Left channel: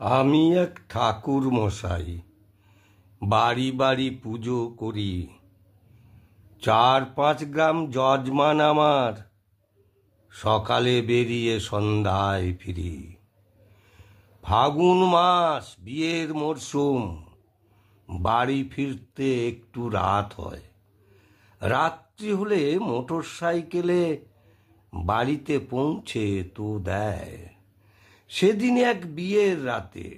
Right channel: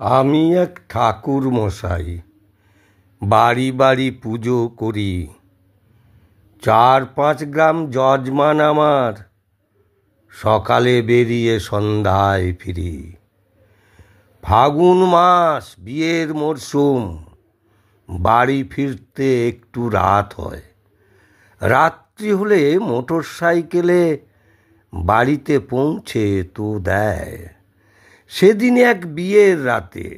আমি এক ঠাকুর মশাই, বাড়ি বাড়ি পুজো করি। 4-5 গ্রাম যজমান আমার, সকালে বেরিয়ে সন্ধ্যায় ফিরি। ফাগুন মাস, বিয়ের মরশুম, বাড়ি ফিরতে একটু রাত হয়। রাত্রি হলে মোটর সাইকেলে বাড়িতে পৌঁছে তো দেয়। সেদিন এক বিয়ের রাতে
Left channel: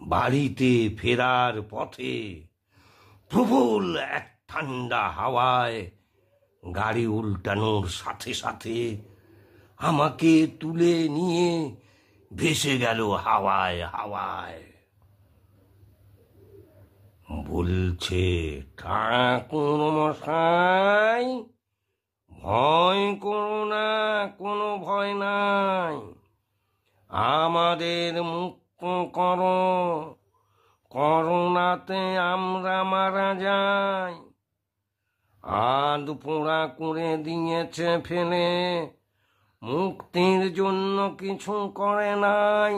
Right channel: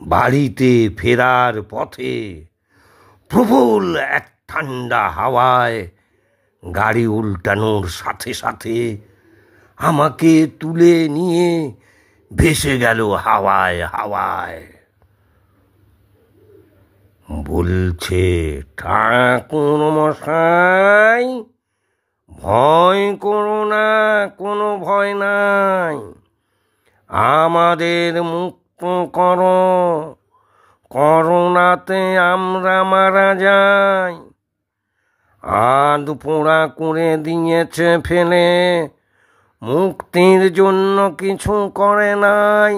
বাড়িতে ফেরার পথে প্রবল এক ঠান্ডা হাওয়ায় গাড়ি উল্টানোর সাথে সাথে আমাকে তুলে নিয়ে ভেসে গেল হাওয়ায় হাওয়ায়। বলছে, ঠাকুর মশাই, ভয় করো না, কোনো ভয় নাই, আমাদের মুক্ত করো, করোনাতে আমরা মারা যাই। আধ পোড়া করে দিয়েছে ফেলে, মুক্তির জন্য কিছু করে নাই।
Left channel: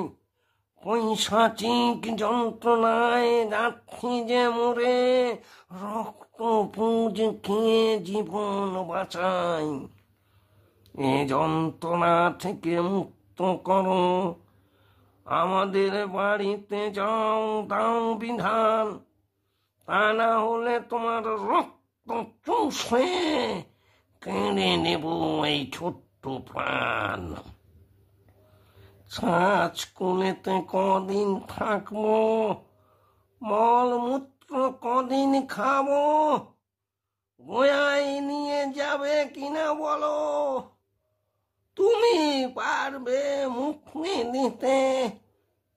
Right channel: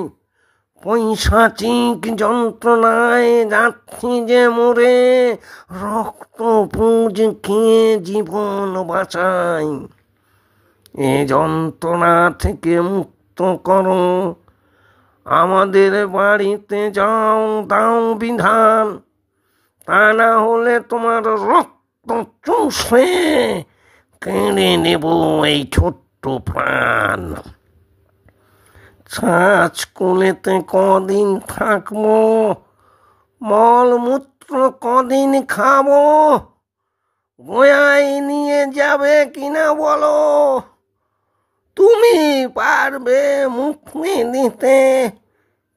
পৈশাচিক যন্ত্রণায় যাচ্ছি যে মরে, রক্ত পুঁজ খেয়ে জীবন বাঁচাই। এ যন্ত্রণা থেকে মুক্ত করো, আমাদের বাড়িতে যাও, দাও বিধান, তা না হলে তোমার রক্ত চুষে কেড়ে নেব এই ছোট্ট প্রাণ। ছাঁচ কোলেতে কদিন থাকবো, মলমূত্র কদিন খাবো, গোয়ায় নিয়ে যাবে কিনা বলো? তুমি পারবে মুক্তি দিতে,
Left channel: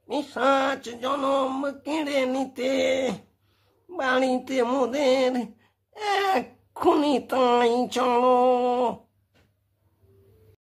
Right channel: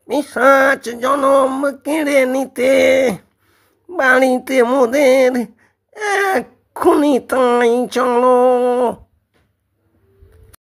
পিশাচ জনম কেড়ে নিতে? বাড়িতে মোদের এক্ষুনি তাই চলো।